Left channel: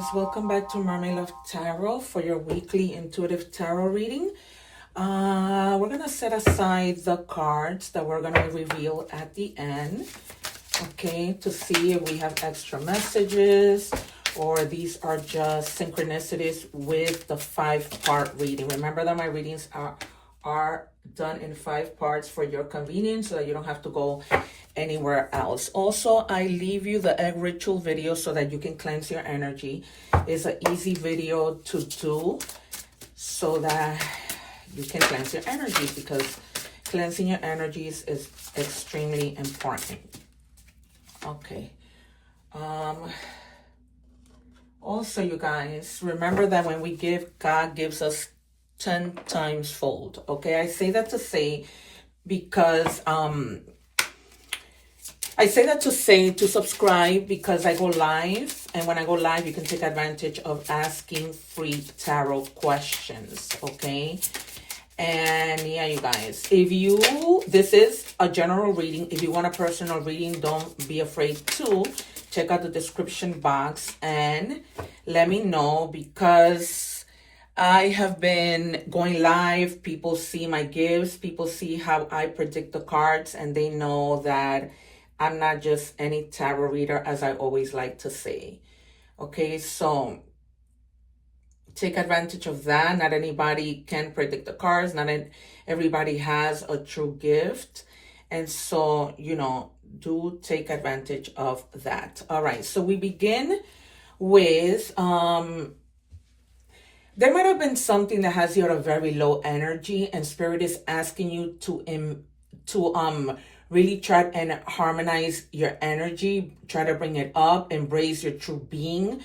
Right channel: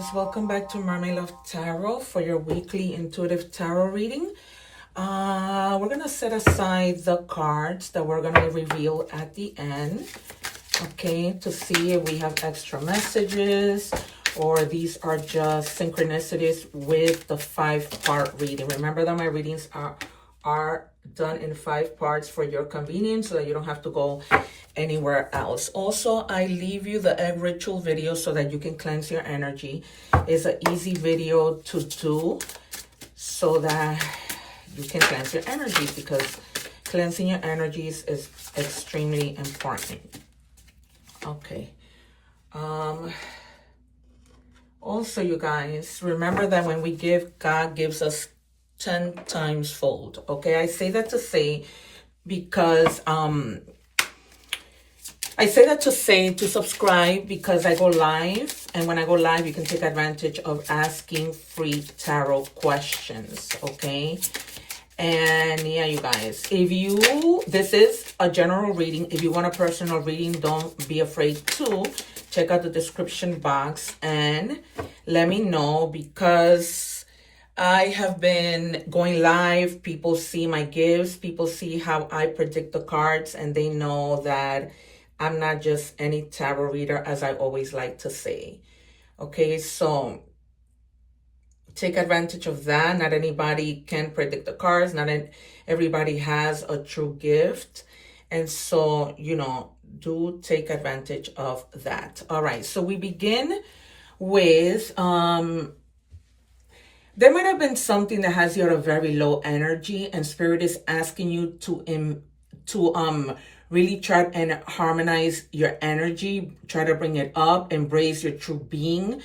guys, welcome back to Mermaid Love Tarot for your weekly intuitive tarot reading. We're gonna set aside the cards that we're gonna reveal at the end, okay, to see if we have extra messages or these are just synchronicities with the 5-part reading. Remember that my readings are done in 5 parts for your convenience so that you don't have to go anywhere else. Also, I leave you the egg ritual video so that you can cleanse your energy. It's an easy video to do so that you can cleanse your energies, because cleansing your energies is extremely important. Okay. Also, you guys, remember that when we give, God gives us 10 times fold. Okay, I say that to say because to subscribe, because I go live, and when I go live, you can take advantage of asking free tarot questions, okay? And yeah, you guys, this is a general reading. If you want a personal reading, don't be afraid to check out the description box and let me know, because I have been going live. People see my gifts, people see how I predict the cards, and they know that I'm not just any tarot reader, as I always like to say. Okay, so take advantage of that. Not anybody can predict the cards. Not everybody has a true gift. And so, you know, do take advantage of that. All right, so we begin with, there might have been something that has you at a very low energy, and Spirit is asking you to really try and harmonize your energy, try to bring it up, embrace your true being,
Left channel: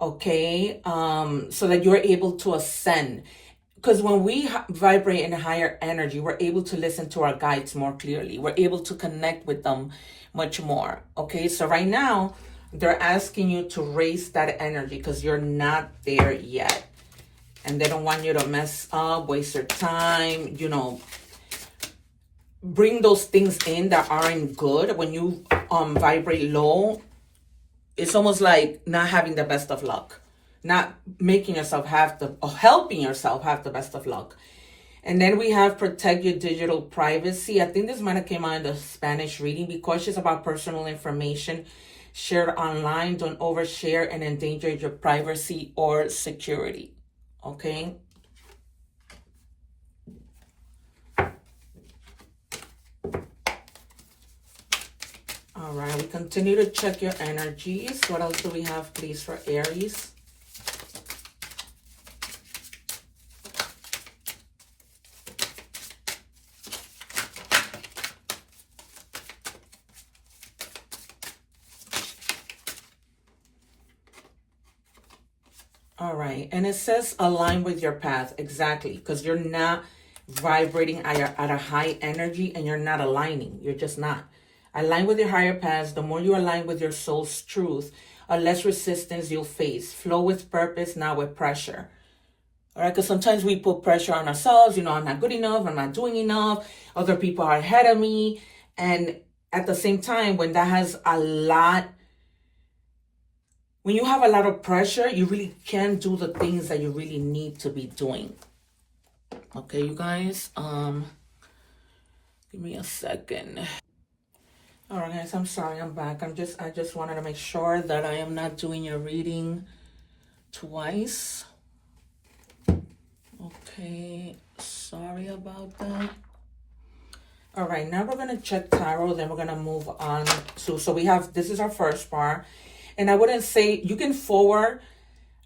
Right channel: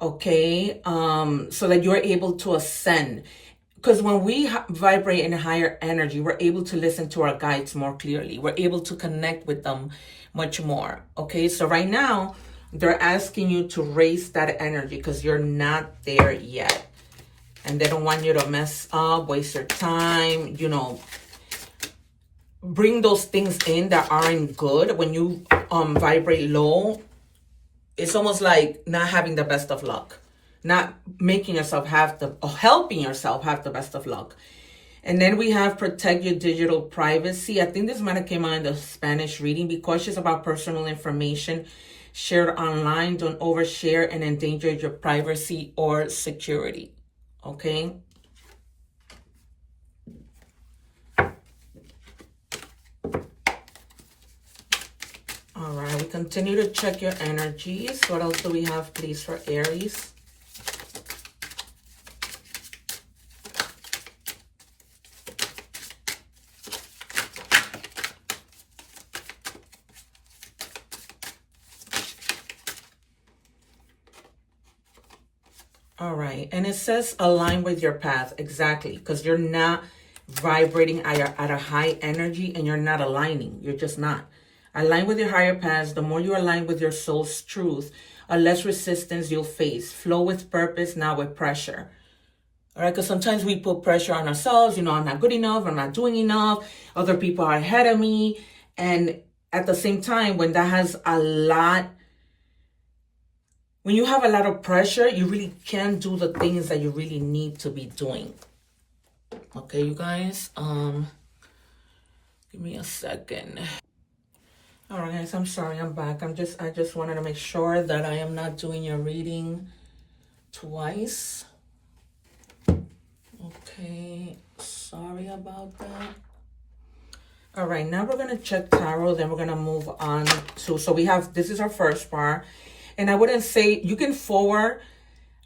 okay? So that you're able to ascend. Because when we vibrate in a higher energy, we're able to listen to our guides more clearly. We're able to connect with them much more, okay? So right now, they're asking you to raise that energy because you're not there yet. And they don't want you to mess up, waste your time, you know, bring those things in that aren't good. When you vibrate low, it's almost like not having the best of luck, not making yourself helping yourself have the best of luck. And then we have protect your digital privacy. I think this might have came out in the Spanish reading. Be cautious about personal information shared online. Don't overshare and endanger your privacy or security. Okay. All right, we continue to check your energies. What else do we have, please, for Aries? All right, and it says align with your path. Exactly, because you're not vibrating at a high energy, and you're not aligning. You're just not. Align with your higher paths. The more you align with your soul's truth, a less resistance you'll face. Flow with purpose, not with pressure. All right, because sometimes we put pressure on ourselves. You know, I'm not good enough. I'm not doing enough. Other people are ahead of me. And at the same time, when that has a lot, when you have a lot of pressure, you really can't do the things that you really need to be doing. Okay, you guys, give me a second. All right, guys, I'm sorry, I'm back. I just wanted to make sure that I am not doing your reading twice. Okay, sorry about that. All right, now we're going to check tarot, then we're going to move on to, so we have, this is our first part. And I wouldn't say, you can forward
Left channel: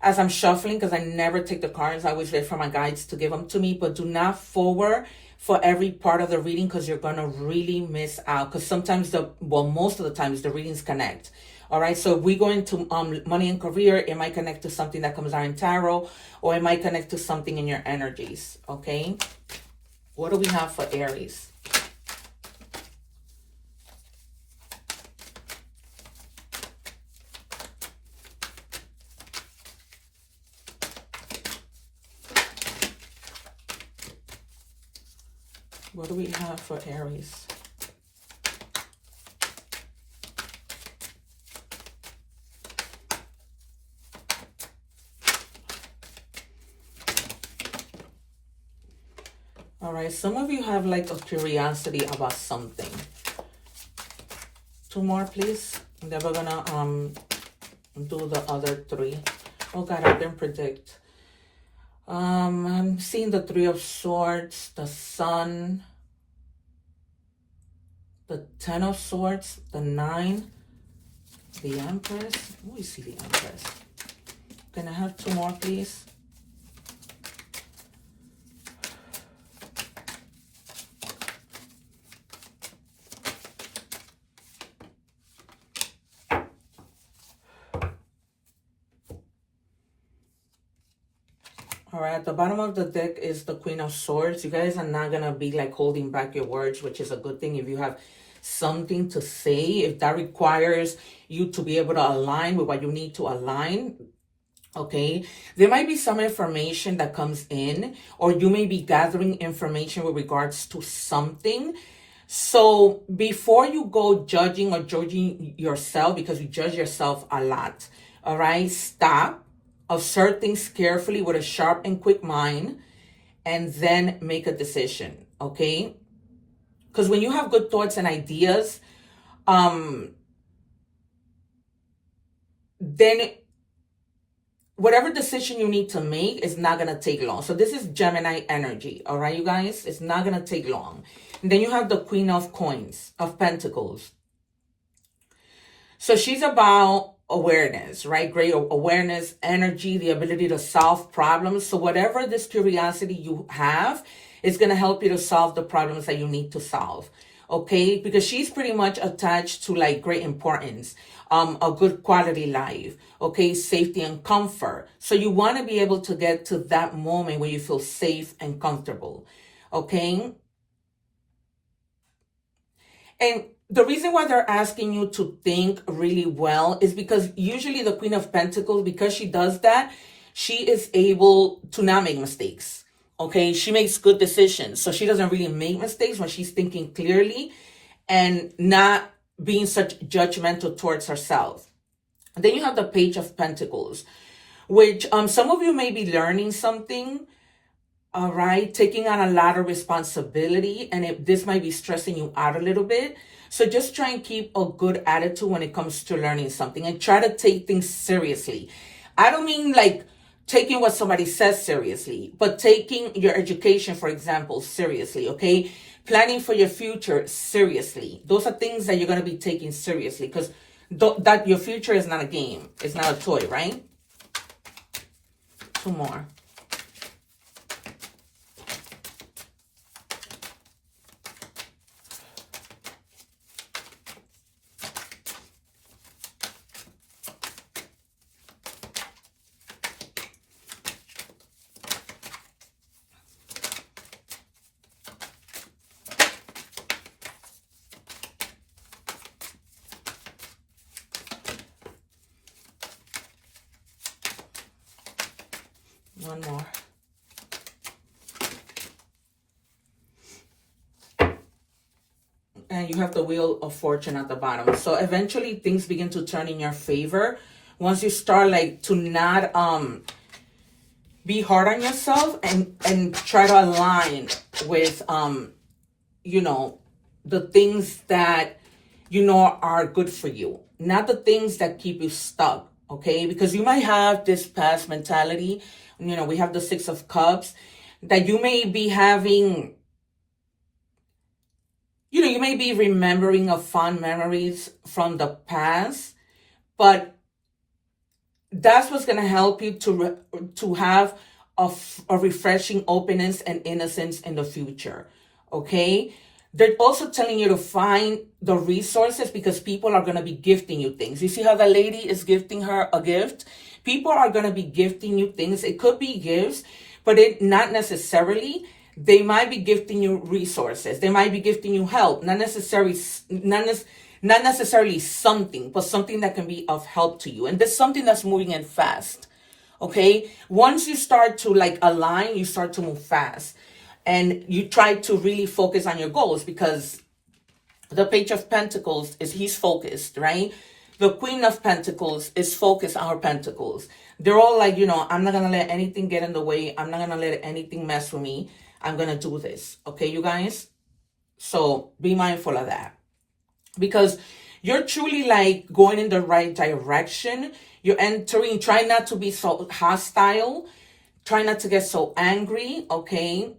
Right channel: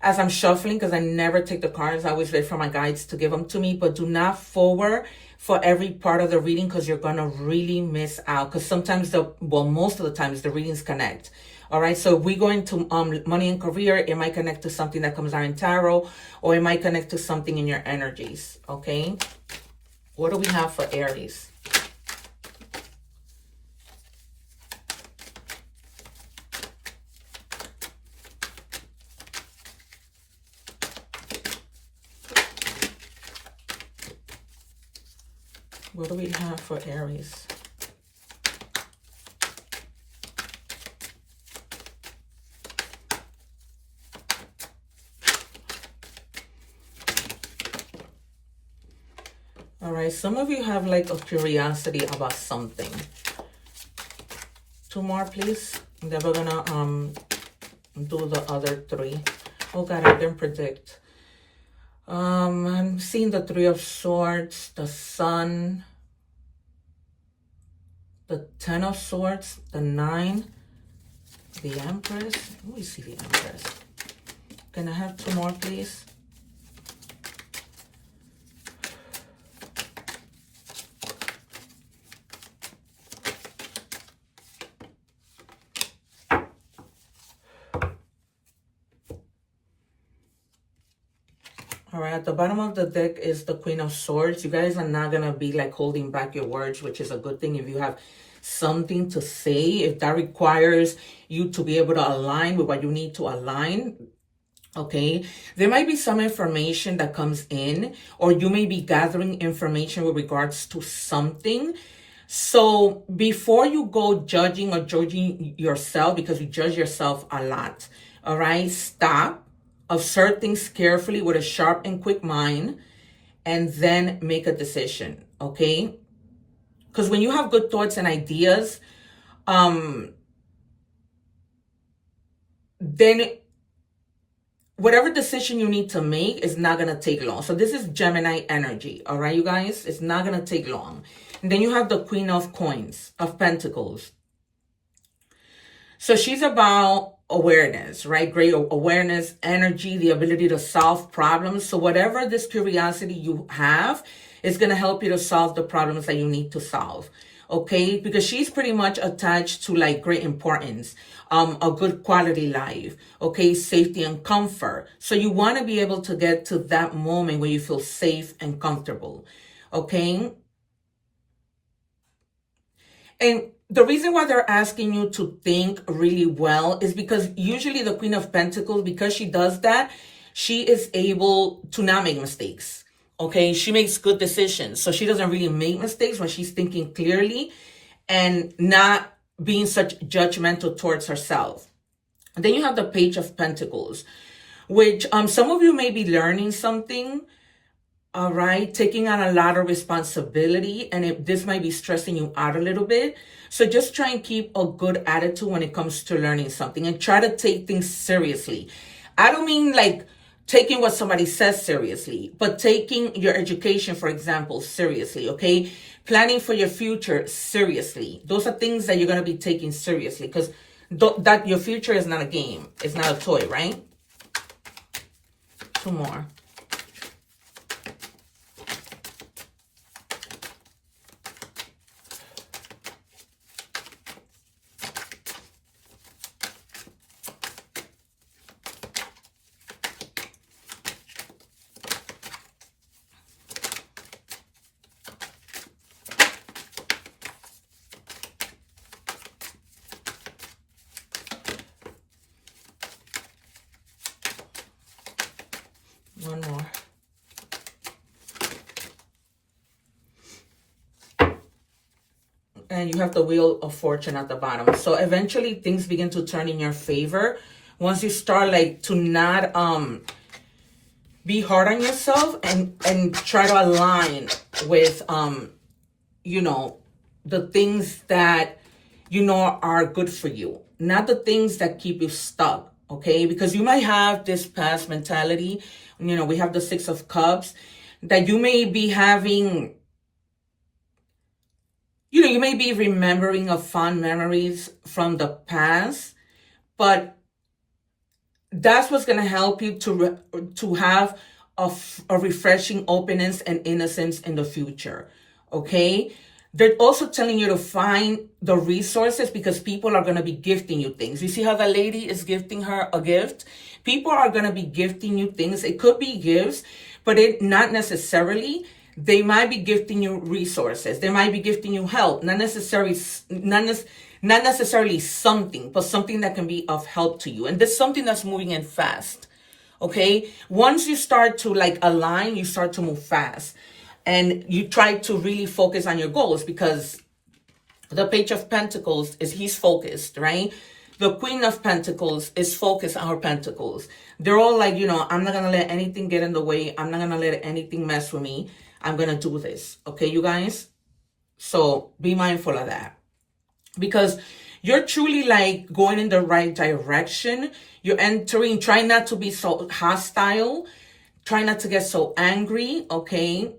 as I'm shuffling, because I never take the cards. I always wait for my guides to give them to me, but do not forward for every part of the reading, because you're going to really miss out. Because sometimes most of the times the readings connect. All right, so if we go into money and career, it might connect to something that comes out in tarot, or it might connect to something in your energies. Okay, what do we have for Aries? What do we have for Aries? All right, some of you have like a curiosity about something. 2 more, please. And then we're gonna do the other 3. Oh God, I didn't predict. I'm seeing the 3 of Swords, the Sun, the 10 of Swords, the 9, the Empress. Let me see the Empress. Can I have 2 more, please? All right, at the bottom of the deck is the Queen of Swords. You guys are not going to be like holding back your words, which is a good thing if you have something to say. If that requires you to be able to align with what you need to align, okay? There might be some information that comes in, or you may be gathering information with regards to something. So before you go judging or judging yourself, because you judge yourself a lot, all right, stop. Observe things carefully with a sharp and quick mind, and then make a decision, okay? Because when you have good thoughts and ideas, then whatever decision you need to make is not going to take long. So this is Gemini energy, all right, you guys? It's not going to take long. And then you have the Queen of Coins, of Pentacles. So she's about awareness, right? Great awareness, energy, the ability to solve problems. So whatever this curiosity you have is going to help you to solve the problems that you need to solve, okay? Because she's pretty much attached to like great importance, a good quality life, okay? Safety and comfort. So you want to be able to get to that moment where you feel safe and comfortable, okay? And the reason why they're asking you to think really well is because usually the Queen of Pentacles, because she does that, she is able to not make mistakes, okay? She makes good decisions. So she doesn't really make mistakes when she's thinking clearly and not being such judgmental towards herself. And then you have the Page of Pentacles, which some of you may be learning something, all right? Taking on a lot of responsibility, and this might be stressing you out a little bit. So just try and keep a good attitude when it comes to learning something, and try to take things seriously. I don't mean like taking what somebody says seriously, but taking your education, for example, seriously, okay? Planning for your future seriously. Those are things that you're going to be taking seriously, because that your future is not a game. It's not a toy, right? 2 more. One more. And you have the Wheel of Fortune at the bottom. So eventually things begin to turn in your favor once you start like to not be hard on yourself and try to align with you know, the things that you know are good for you, not the things that keep you stuck, okay? Because you might have this past mentality. You know, we have the 6 of Cups, that you may be having, you know, you may be remembering of fond memories from the past, but that's what's going to help you to have a refreshing openness and innocence in the future, okay? They're also telling you to find the resources, because people are going to be gifting you things. You see how the lady is gifting her a gift? People are going to be gifting you things. It could be gifts, but not necessarily. They might be gifting you resources. They might be gifting you help. Not necessarily something, but something that can be of help to you. And there's something that's moving in fast, okay? Once you start to like align, you start to move fast. And you try to really focus on your goals, because the Page of Pentacles he's focused, right? The Queen of Pentacles is focused on her pentacles. They're all like, you know, I'm not going to let anything get in the way. I'm not going to let anything mess with me. I'm going to do this. Okay, you guys? So be mindful of that. Because you're truly like going in the right direction. You're entering, try not to be so hostile. Try not to get so angry, okay?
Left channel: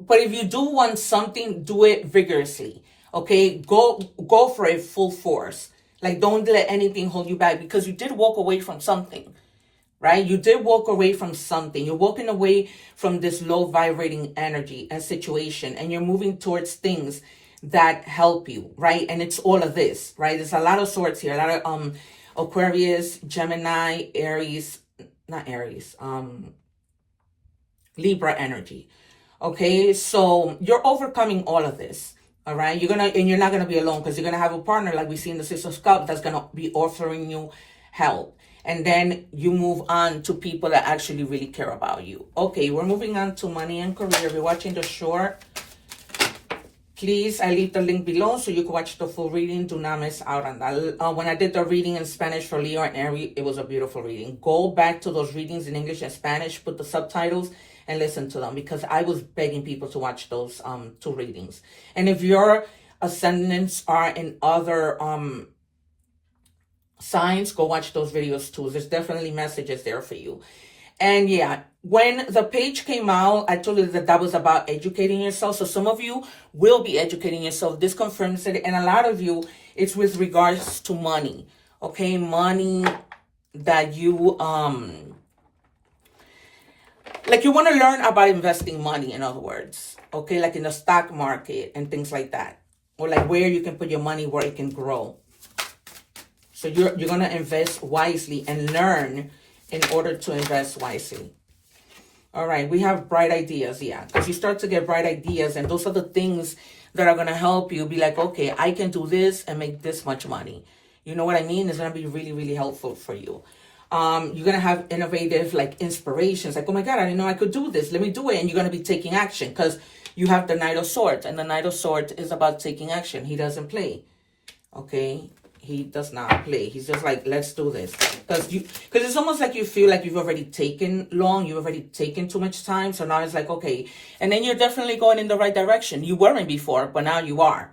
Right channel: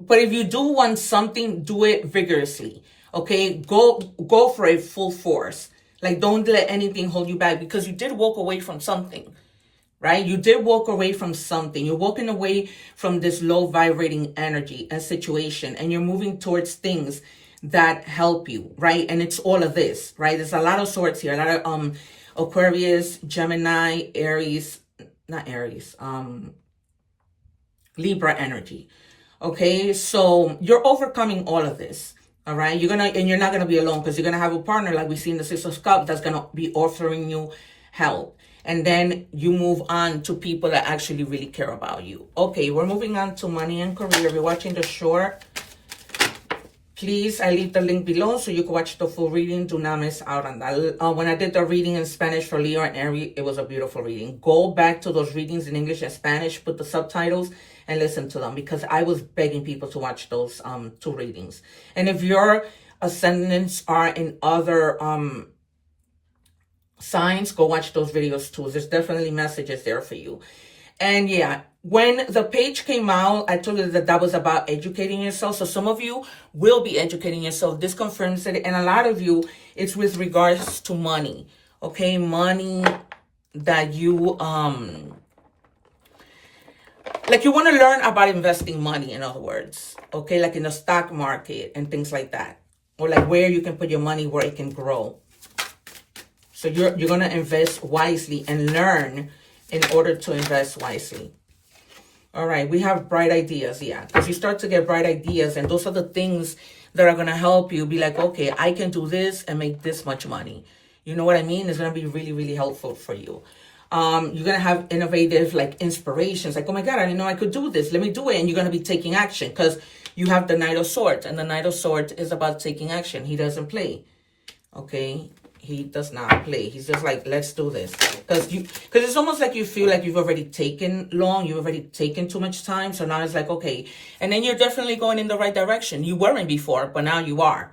But if you do want something, do it vigorously, okay? Go for it full force. Like, don't let anything hold you back, because you did walk away from something, right? You did walk away from something. You're walking away from this low vibrating energy and situation, and you're moving towards things that help you, right? And it's all of this, right? There's a lot of swords here, a lot of Aquarius, Gemini, Aries, not Aries, Libra energy. Okay, so you're overcoming all of this. All right, you're not gonna be alone, because you're gonna have a partner, like we see in the Six of Cups, that's gonna be offering you help. And then you move on to people that actually really care about you. Okay, we're moving on to money and career. If you're watching the short, please, I leave the link below so you can watch the full reading. Do not miss out on that. When I did the reading in Spanish for Leo and Aries, it was a beautiful reading. Go back to those readings in English and Spanish, put the subtitles, and listen to them, because I was begging people to watch those two readings. And if your ascendants are in other signs, go watch those videos too. There's definitely messages there for you. And yeah, when the page came out, I told you that was about educating yourself. So some of you will be educating yourself. This confirms it. And a lot of you, it's with regards to money. Okay, money that you like you want to learn about investing money, in other words, okay, like in the stock market and things like that, or like where you can put your money where it can grow. So you're going to invest wisely and learn in order to invest wisely. All right, we have bright ideas, yeah, because you start to get bright ideas, and those are the things that are going to help you be like, okay, I can do this and make this much money. You know what I mean? It's going to be really, really helpful for you. You're going to have innovative like inspirations, like, oh my God, I didn't know I could do this. Let me do it. And you're going to be taking action, because you have the Knight of Swords, and the Knight of Swords is about taking action. He doesn't play. Okay. He does not play. He's just like, let's do this. Because it's almost like you feel like you've already taken long. You've already taken too much time. So now it's like, okay. And then you're definitely going in the right direction. You weren't before, but now you are.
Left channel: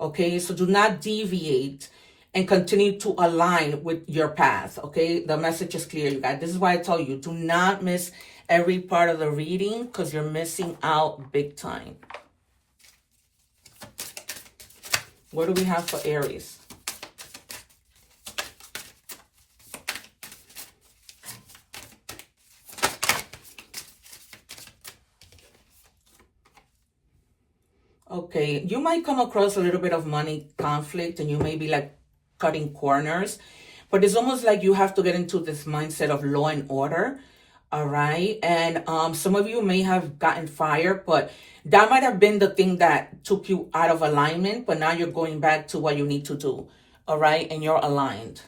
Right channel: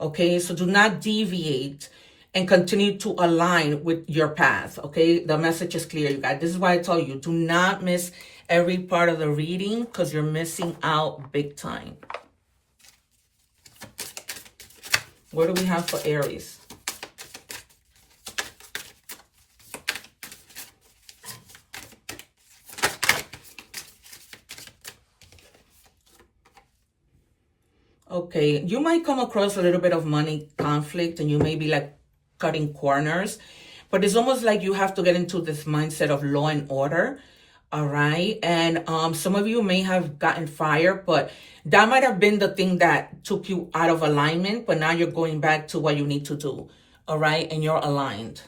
Okay. So do not deviate and continue to align with your path. Okay. The message is clear, you guys. This is why I tell you, do not miss every part of the reading, because you're missing out big time. What do we have for Aries? Okay, you might come across a little bit of money conflict, and you may be like cutting corners, but it's almost like you have to get into this mindset of law and order. All right. And some of you may have gotten fired, but that might have been the thing that took you out of alignment, but now you're going back to what you need to do. All right. And you're aligned.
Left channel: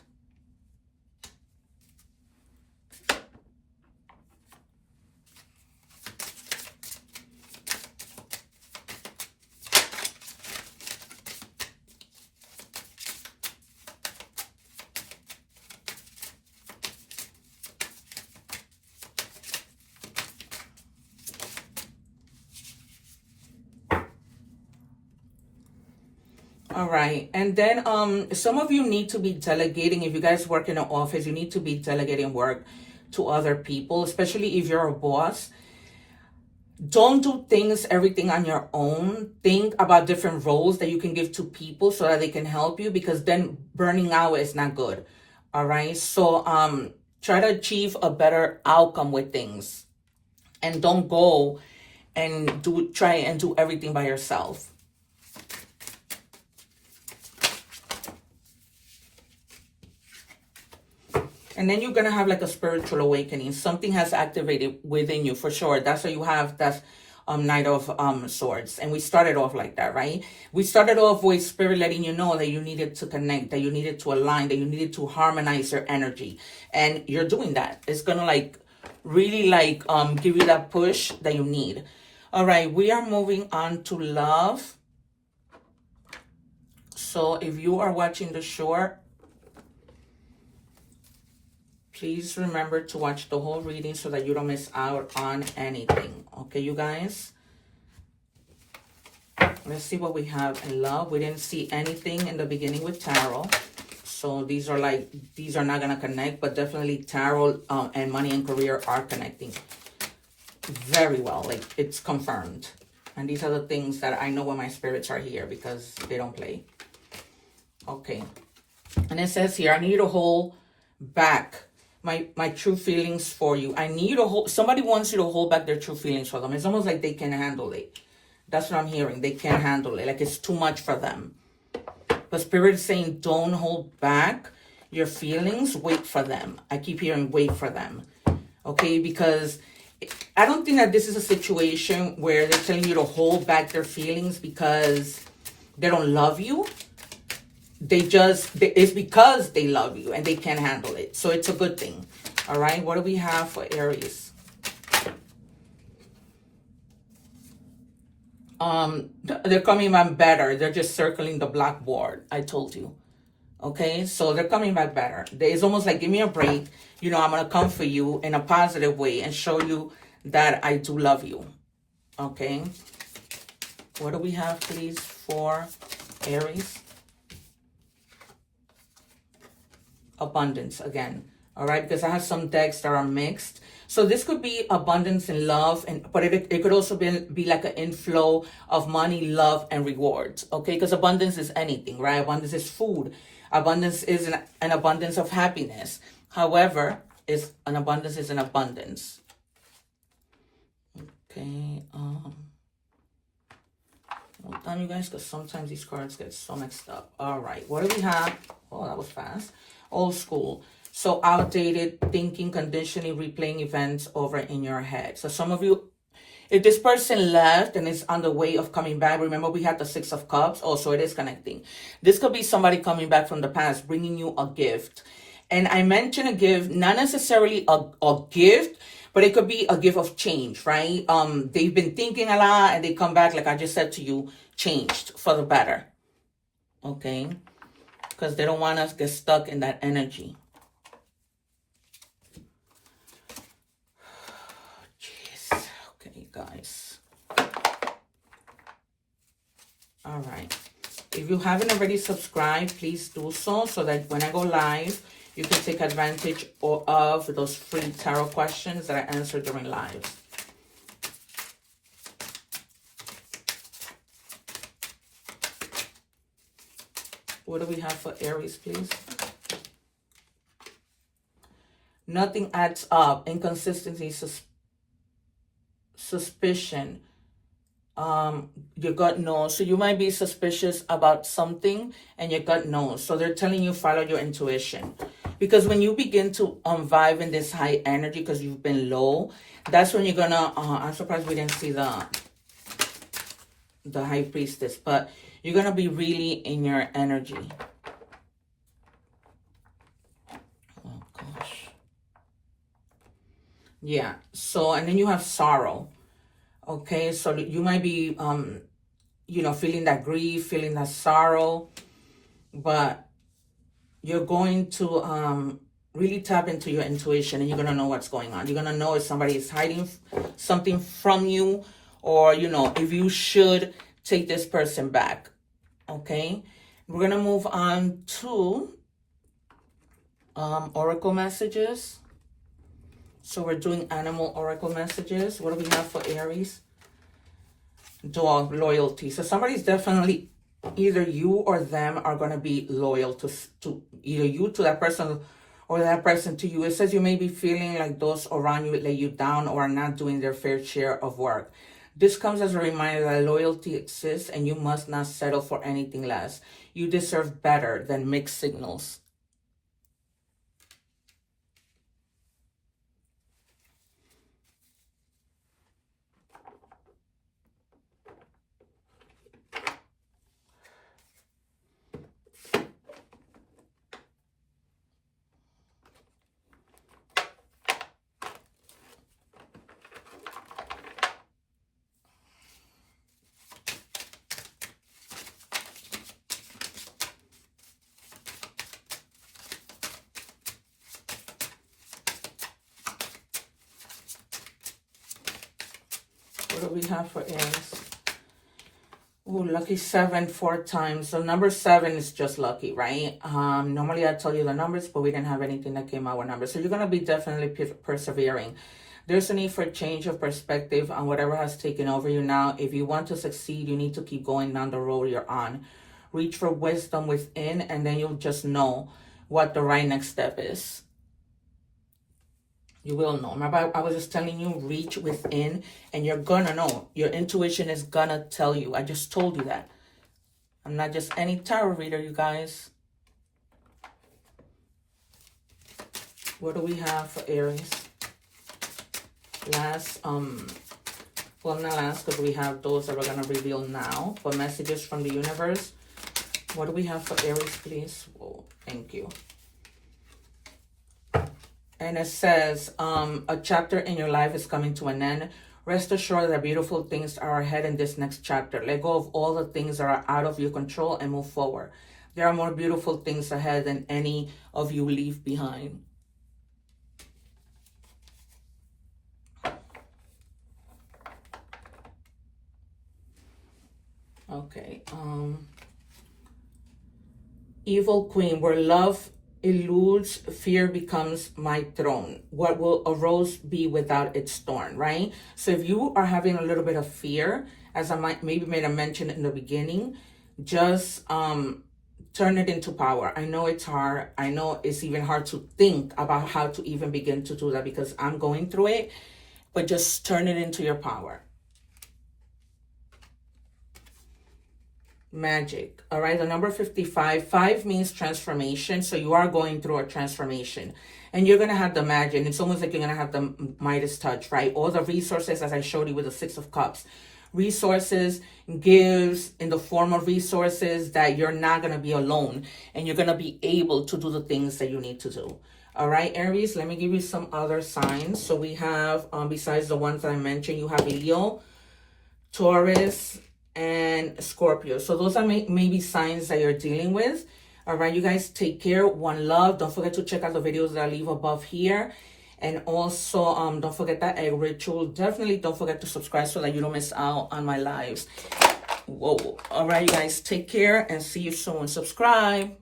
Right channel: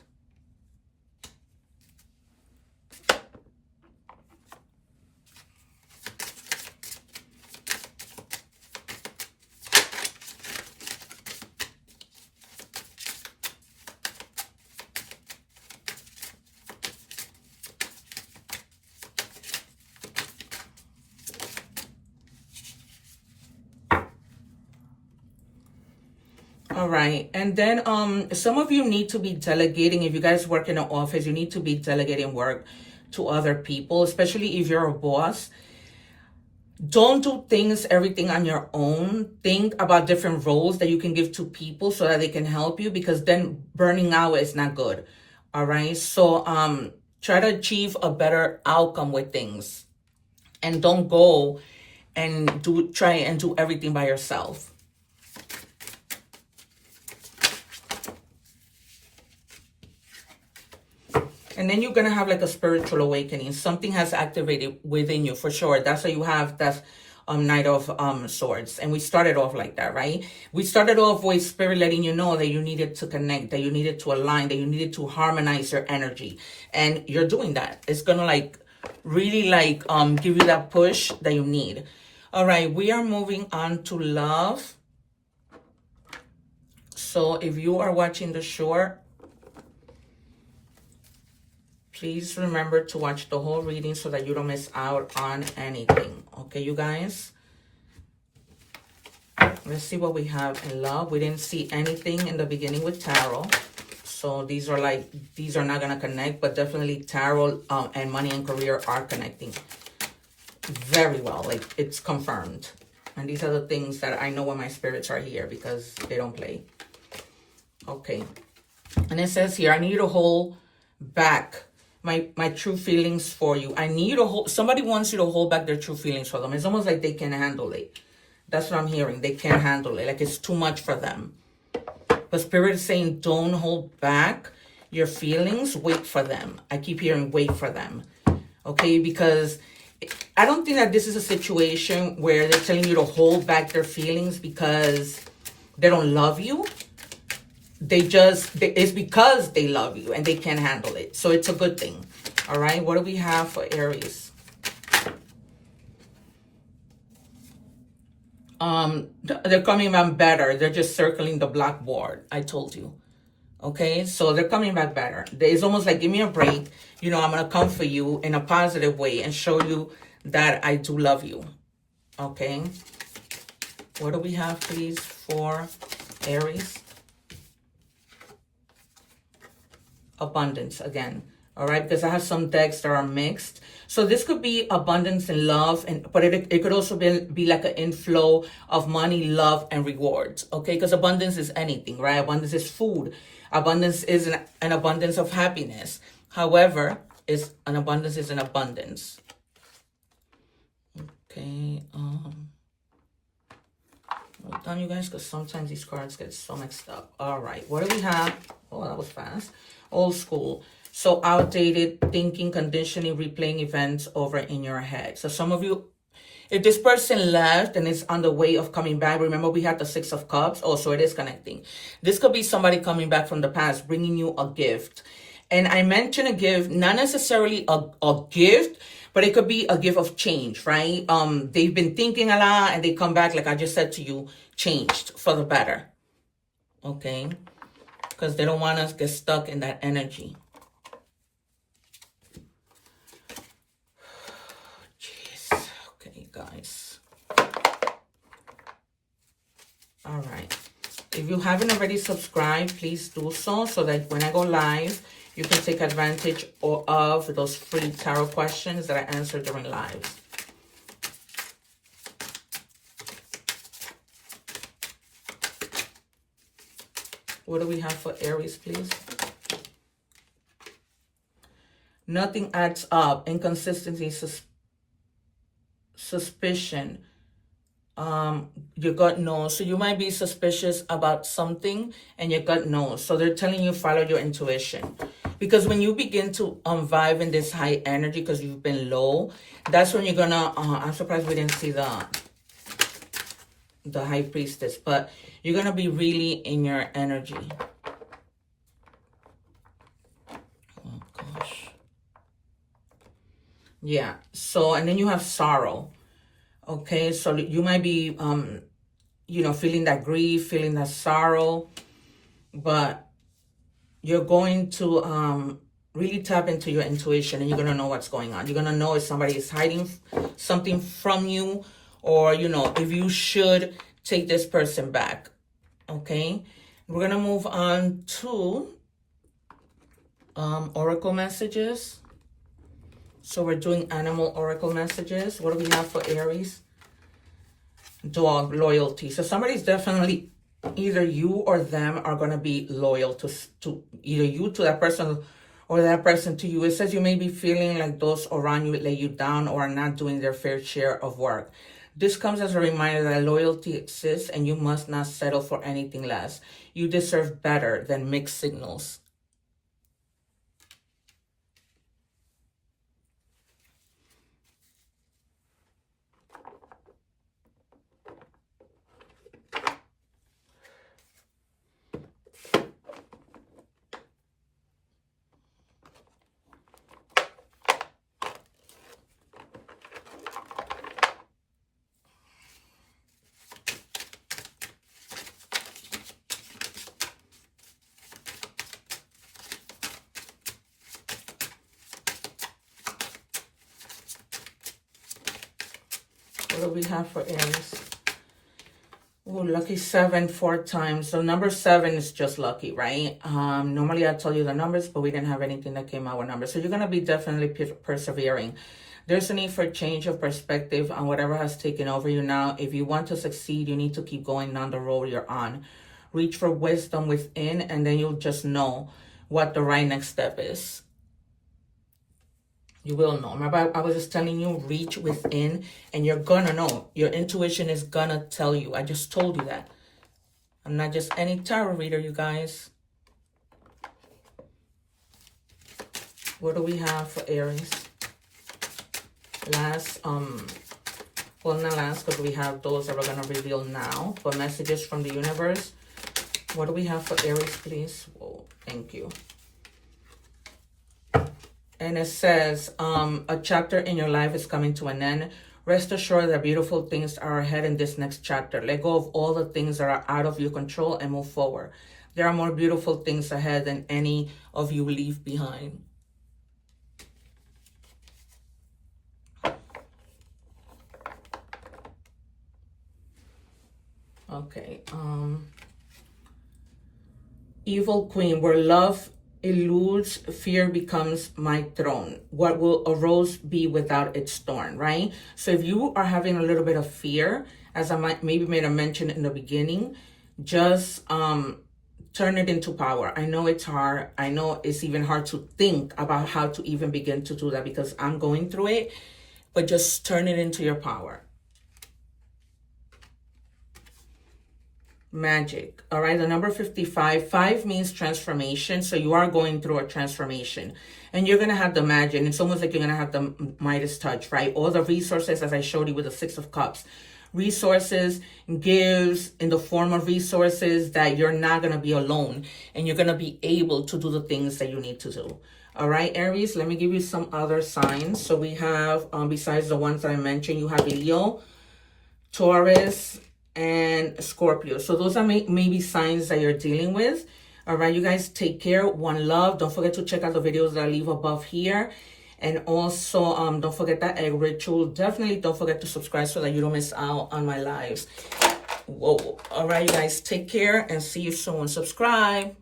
All right. And then some of you need to be delegating. If you guys work in an office, you need to be delegating work to other people, especially if you're a boss. Don't do everything on your own. Think about different roles that you can give to people so that they can help you, because then burning out is not good. All right. So try to achieve a better outcome with things, and don't go and try and do everything by yourself. And then you're going to have like a spiritual awakening. Something has activated within you for sure. That's what you have. That's Knight of Swords. And we started off like that, right? We started off with Spirit letting you know that you needed to connect, that you needed to align, that you needed to harmonize your energy. And you're doing that. It's going to like really like give you that push that you need. All right. We are moving on to love. So if you are watching the short, please remember to watch the whole reading so that you don't miss out on anything. Okay, you guys? Let's see what we have in love. We didn't see anything in the beginning with tarot. So these are not going to connect, but definitely tarot and money and career are connecting very well. Like, it's confirmed. And these are the things that I know when my spirits are here, because they don't play. Okay. And it says here, I need you to hold back my true feelings for you. I need you to hold, somebody wants you to hold back their true feelings for them. It's almost like they can't handle it. That's what I'm hearing. They can't handle it. Like, it's too much for them. But Spirit is saying, don't hold back your feelings. Wait for them. I keep hearing wait for them. Okay? Because I don't think that this is a situation where they're telling you to hold back their feelings because they don't love you. It's because they love you and they can't handle it. So it's a good thing. All right? What do we have for Aries? They're coming back better. They're just circling the blackboard. I told you. Okay, so they're coming back better. It's almost like, give me a break. You know, I'm going to come for you in a positive way and show you that I do love you. Okay. What do we have, please, for Aries? Abundance again. All right, because I have some decks that are mixed. So this could be abundance in love, but it could also be like an inflow of money, love, and rewards. Okay, because abundance is anything, right? Abundance is food. Abundance is an abundance of happiness. However, an abundance is an abundance. Okay. Hold on, you guys, because sometimes these cards get so mixed up. All right, what do we have? Oh, that was fast. Old school. So outdated thinking, conditioning, replaying events over in your head. So some of you, if this person left and is on the way of coming back, remember we had the 6 of Cups. Oh, so it is connecting. This could be somebody coming back from the past, bringing you a gift. And I mentioned a gift, not necessarily a gift, but it could be a gift of change, right? They've been thinking a lot and they come back, like I just said to you, changed for the better. Okay? Because they don't want us to get stuck in that energy. Guys. All right. If you haven't already subscribed, please do so that when I go live, you can take advantage of those free tarot questions that I answer during lives. What do we have for Aries, please? Nothing adds up. Inconsistency, suspicion, your gut knows. So you might be suspicious about something and your gut knows. So they're telling you follow your intuition, because when you begin to vibe in this high energy because you've been low, that's when you're gonna I'm surprised we didn't see the high priestess, but you're gonna be really in your energy. Oh gosh. Yeah. So, and then you have sorrow. Okay. So you might be, you know, feeling that grief, feeling that sorrow, but you're going to, really tap into your intuition and you're going to know what's going on. You're going to know if somebody is hiding something from you, or, you know, if you should take this person back. Okay. We're going to move on to, oracle messages. So we're doing animal oracle messages. What do we have for Aries? Dog, loyalty. So somebody's definitely, either you or them are going to be loyal to either you to that person or that person to you. It says you may be feeling like those around you lay you down or are not doing their fair share of work. This comes as a reminder that loyalty exists and you must not settle for anything less. You deserve better than mixed signals. What do we have for Aries? Oh, lucky 7 4 times. So number 7 is just lucky, right? Normally I tell you the numbers, but we didn't have anything that came out with numbers. So you're going to be definitely persevering. There's a need for change of perspective on whatever has taken over you now. If you want to succeed, you need to keep going down the road you're on. Reach for wisdom within, and then you'll just know what the right next step is. You will know. Remember, I was just telling you, reach within, and you're gonna know. Your intuition is gonna tell you. I just told you that. I'm not just any tarot reader, you guys. What do we have for Aries? Last, well, not last, because we have those that we're gonna reveal now. But messages from the universe. What do we have for Aries, please? Whoa, thank you. And it says, a chapter in your life is coming to an end. Rest assured that beautiful things are ahead in this next chapter. Let go of all the things that are out of your control and move forward. There are more beautiful things ahead than any of you leave behind. Okay. Evil Queen, where love eludes, fear becomes my throne. What will a rose be without its thorn, right? So if you are having a little bit of fear, as I maybe made a mention in the beginning, just turn it into power. I know it's hard. I know it's even hard to think about how to even begin to do that because I'm going through it, but just turn it into your power. Magic. All right, the number 55. 5 means transformation. So you are going through a transformation and you're going to have the magic. It's almost like you're going to have the Midas touch, right? All the resources, as I showed you with the 6 of Cups. Resources, gives in the form of resources that you're not going to be alone and you're going to be able to do the things that you need to do. All right, Aries, let me give you some other signs. So we have, besides the ones that I mentioned, you have Leo, Taurus, and Scorpio. So those are maybe signs that you're dealing with. All right, you guys take care. One love. Don't forget to check out the videos that I leave above here. And also, don't forget that egg ritual. Definitely don't forget to subscribe so that you don't miss out on my lives. Whoa. All right, you guys take care and see you soon. Subscribe.